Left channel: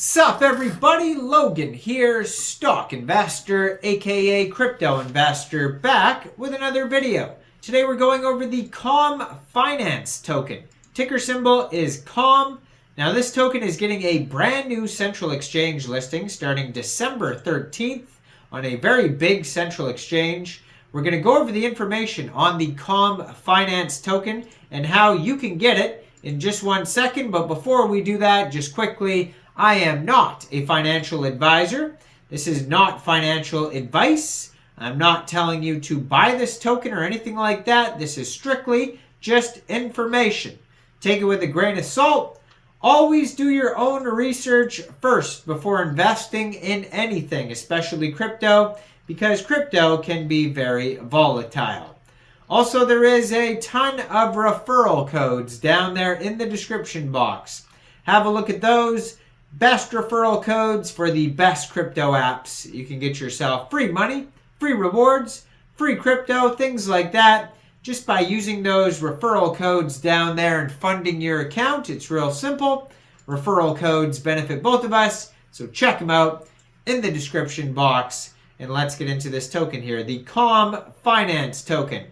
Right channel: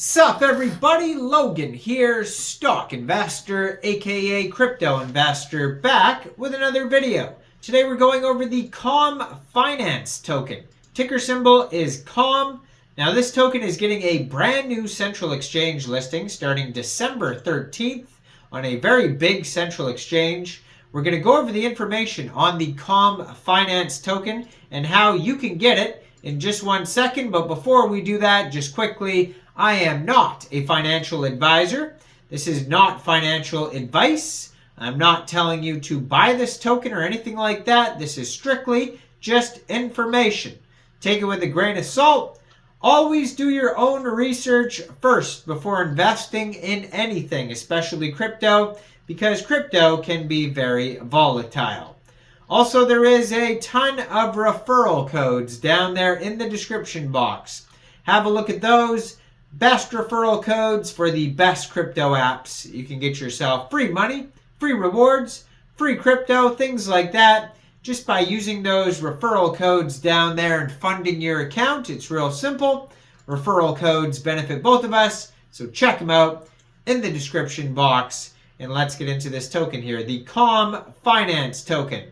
Sup everybody, Logan here, stock investor aka crypto investor, back with another video. Today we're going over the COM Finance token. Ticker symbol is COM. Now this token is getting a brand new central exchange listing starting December 13th on a very big central exchange. We're going to go over the information on the COM Finance token and how you can get it in just 1 second. But before we do that, just quickly, I am not a financial advisor. This is not financial advice. I'm not telling you to buy this token or anything like that. This is strictly just information. Take it with a grain of salt. Always do your own research first before investing in anything, especially crypto, because crypto can be very volatile. Also, there is a ton of referral codes down there in the description box. Have a look at those. Best referral codes for the best crypto apps. You can get yourself free money, free rewards, free crypto, things like that, just by using those referral codes down there and funding your account. It's real simple. Referral codes benefit both of us, so check them out in the description box. And let's get into this token here, the COM Finance token.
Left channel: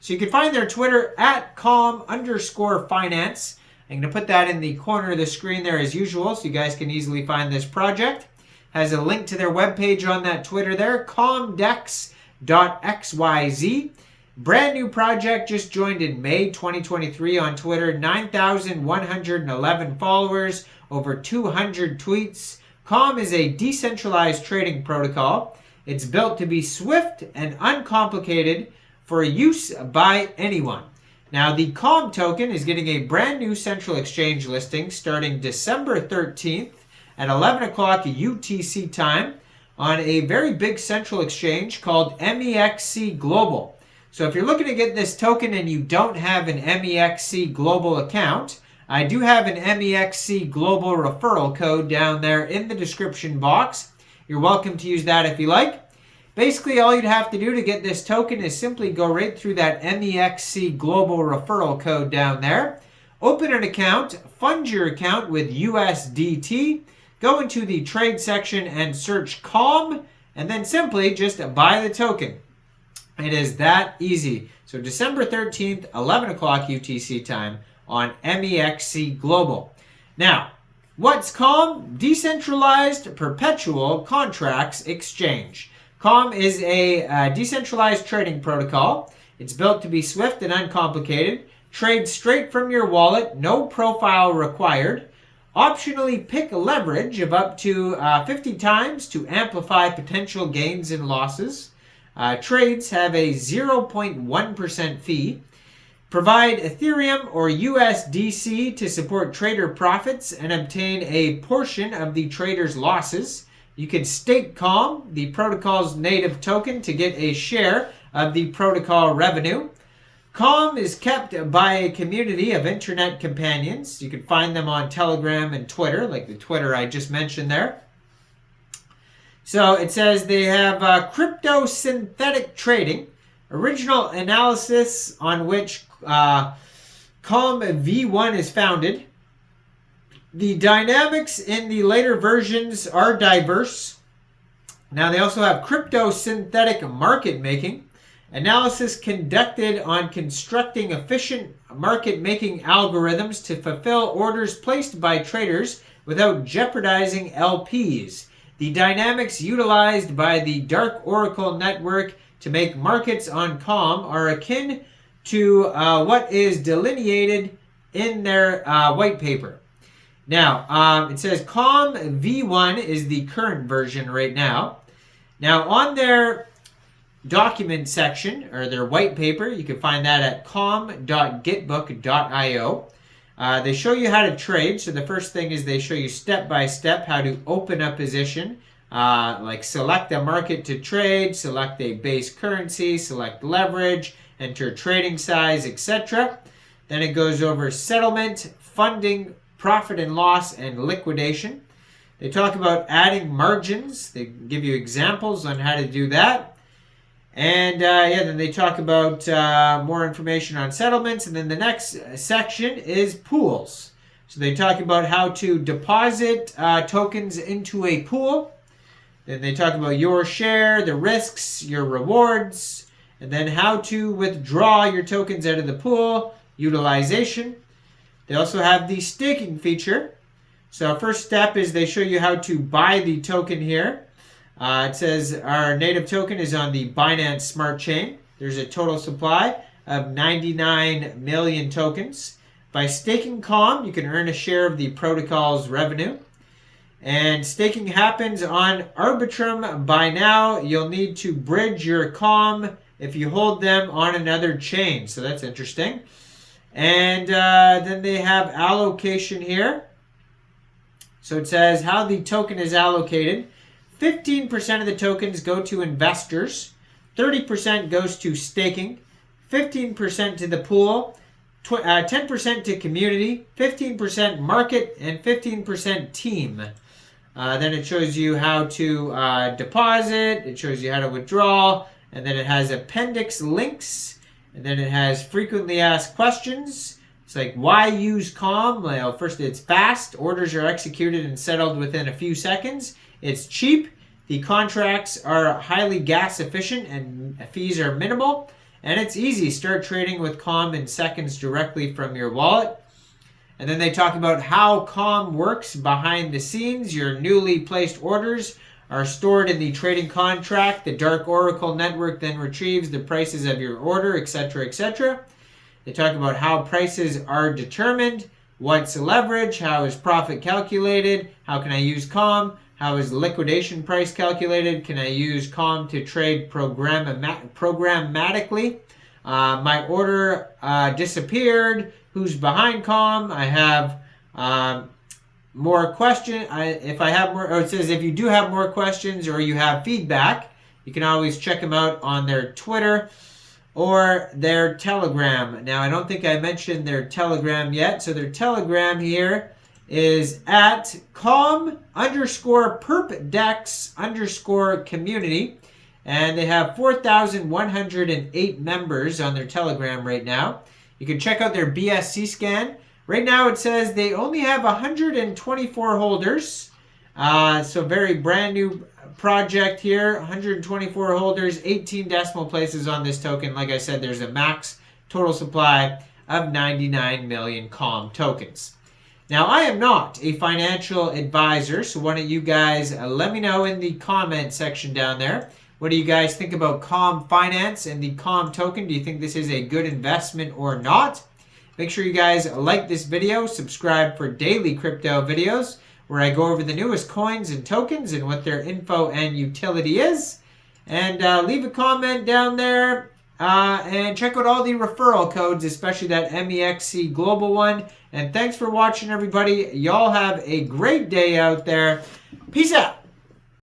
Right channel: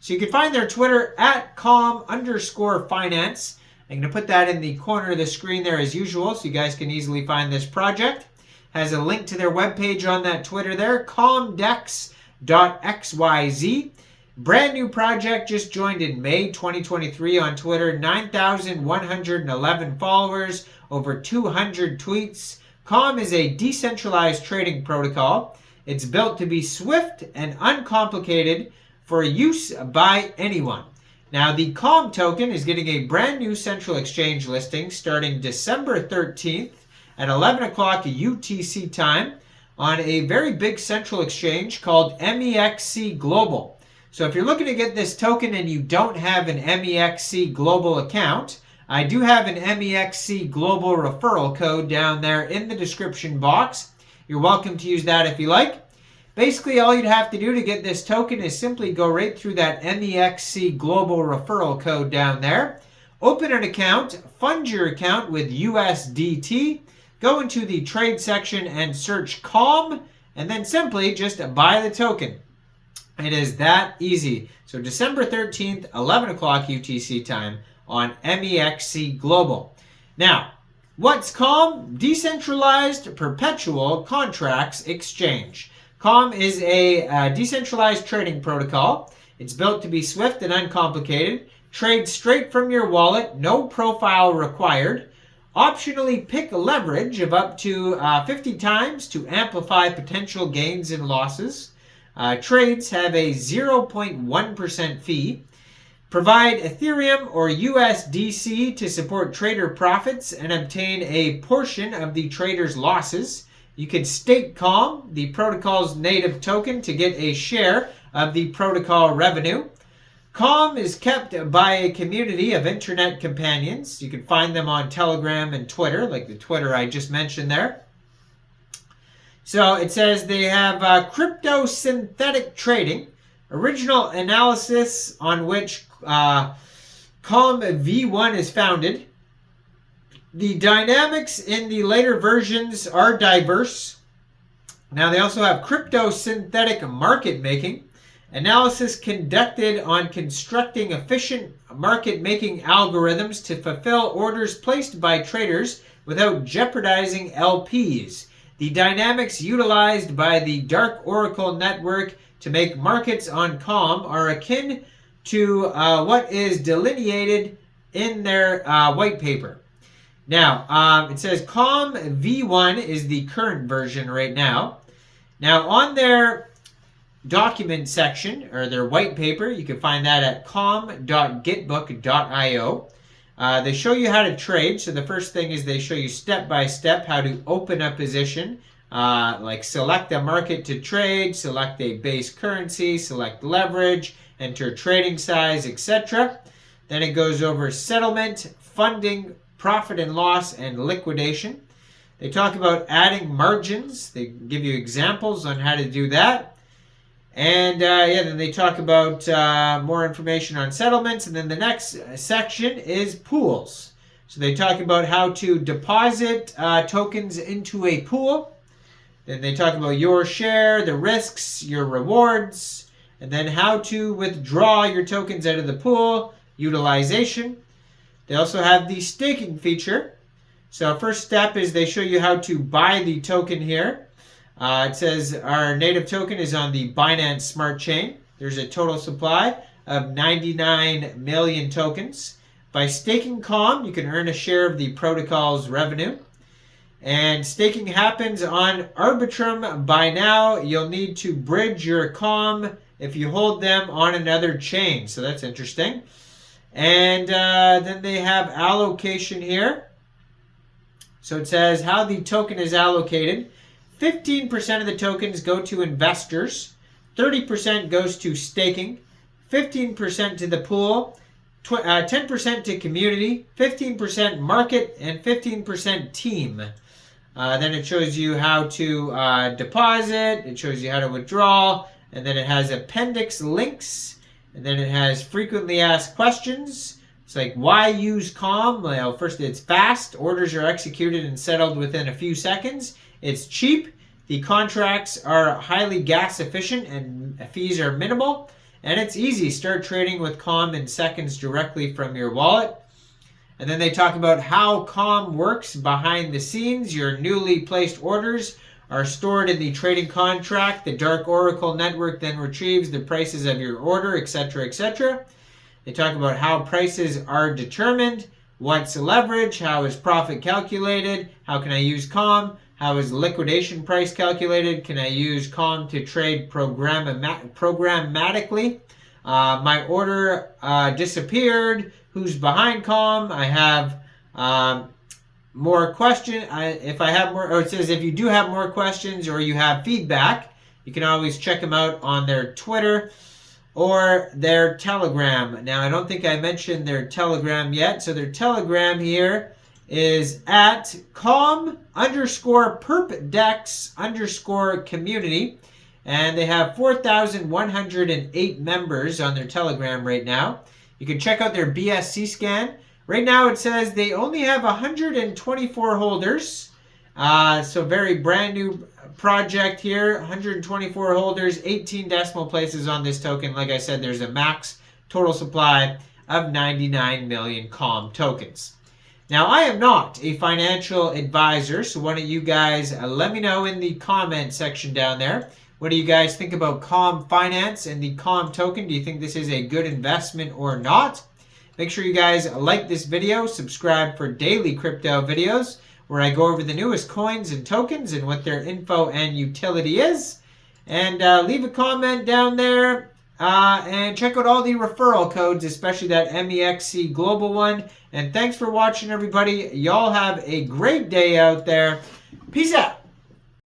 So you can find their Twitter at COM_finance. I'm going to put that in the corner of the screen there as usual so you guys can easily find this project. Has a link to their webpage on that Twitter there, comdex.xyz. Brand new project, just joined in May 2023 on Twitter. 9,111 followers, over 200 tweets. COM is a decentralized trading protocol. It's built to be swift and uncomplicated for use by anyone. Now, the COM token is getting a brand new central exchange listing starting December 13th at 11 o'clock UTC time on a very big central exchange called Mexc Global. So if you're looking to get this token and you don't have an Mexc Global account, I do have an Mexc Global referral code down there in the description box. You're welcome to use that if you like. Basically, all you'd have to do to get this token is simply go right through that Mexc Global referral code down there. Open an account, fund your account with USDT, go into the trade section and search COM, and then simply just buy the token. It is that easy. So December 13th, 11 o'clock UTC time on Mexc Global. Now, what's COM? Decentralized Perpetual Contracts Exchange. COM is a decentralized trading protocol. It's built to be swift and uncomplicated. Trade straight from your wallet, no profile required. Optionally pick a leverage of up to 50 times to amplify potential gains and losses. Trades have a 0.1% fee. Provide Ethereum or USDC to support trader profits and obtain a portion of the trader's losses. You can stake COM, the protocol's native token, to get a share of the protocol revenue. COM is kept by a community of internet companions. You can find them on Telegram and Twitter, like the Twitter I just mentioned there. So it says they have crypto synthetic trading, original analysis on which COM V1 is founded. The dynamics in the later versions are diverse. Now they also have crypto synthetic market making, analysis conducted on constructing efficient market making algorithms to fulfill orders placed by traders without jeopardizing LPs. The dynamics utilized by the Dark Oracle network to make markets on COM are akin to what is delineated in their white paper. Now, it says COM V1 is the current version right now. Now, on their document section, or their white paper, you can find that at com.gitbook.io. They show you how to trade. So the first thing is they show you step-by-step how to open a position, like select a market to trade, select a base currency, select leverage, enter trading size, etc. Then it goes over settlement, funding, profit and loss, and liquidation. They talk about adding margins. They give you examples on how to do that. And then they talk about more information on settlements. And then the next section is pools. So they talk about how to deposit tokens into a pool. Then they talk about your share, the risks, your rewards, and then how to withdraw your tokens out of the pool, utilization. They also have the staking feature. So first step is they show you how to buy the token here. It says our native token is on the Binance Smart Chain. There's a total supply of 99 million tokens. By staking COM, you can earn a share of the protocol's revenue. And staking happens on Arbitrum. By now, you'll need to bridge your COM if you hold them on another chain. So that's interesting. And then they have allocation here. So it says how the token is allocated. 15% of the tokens go to investors. 30% goes to staking. 15% to the pool. 10% to community. 15% market. And 15% team. Then it shows you how to deposit. It shows you how to withdraw. And then it has appendix links. And then it has frequently asked questions. It's like, why use COM? Well, first, it's fast. Orders are executed and settled within a few seconds. It's cheap. The contracts are highly gas efficient and fees are minimal. And it's easy. Start trading with COM in seconds directly from your wallet. And then they talk about how COM works behind the scenes. Your newly placed orders are stored in the trading contract. The Dark Oracle network then retrieves the prices of your order, etc., etc. They talk about how prices are determined, what's leverage, how is profit calculated, how can I use COM, how is liquidation price calculated, can I use COM to trade programmatically, my order disappeared, who's behind COM, I have more questions, if I have more, or it says if you do have more questions or you have feedback, you can always check them out on their Twitter or their Telegram. Now, I don't think I mentioned their Telegram yet. So their Telegram here is at com_perpdex_community. And they have 4,108 members on their Telegram right now. You can check out their BSC scan. Right now it says they only have 124 holders. So very brand new project here. 124 holders, 18 decimal places on this token. Like I said, there's a max total supply of 99 million COM tokens. Now, I am not a financial advisor, so why don't you guys let me know in the comment section down there. What do you guys think about COM Finance and the COM token? Do you think this is a good investment or not? Make sure you guys like this video, subscribe for daily crypto videos where I go over the newest coins and tokens and what their info and utility is. And leave a comment down there and check out all the referral codes, especially that Mexc Global one. And thanks for watching, everybody. Y'all have a great day out there. Peace out.